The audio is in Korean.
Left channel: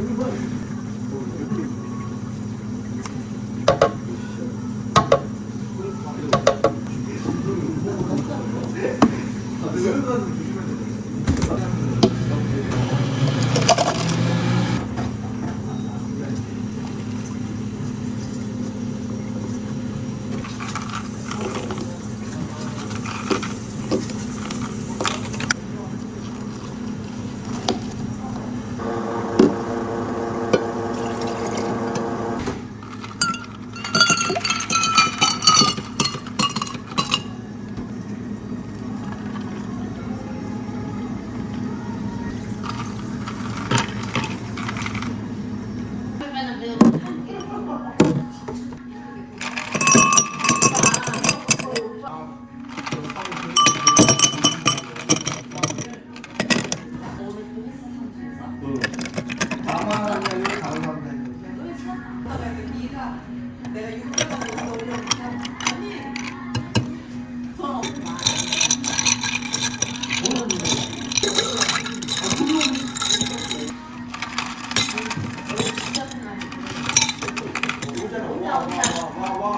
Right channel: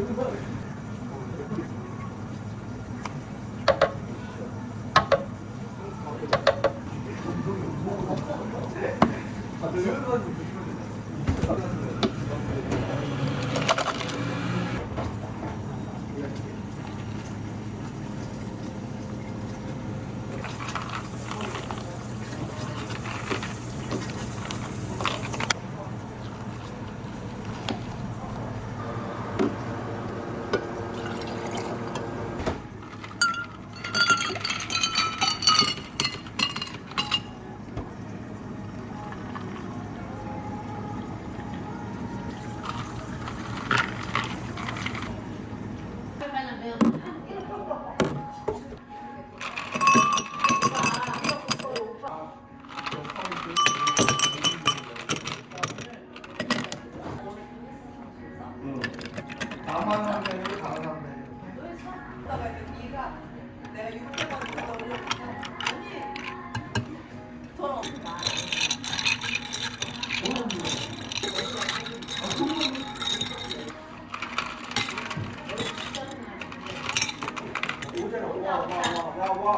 이렇게 나만 하면 다른 사 ว่าว่า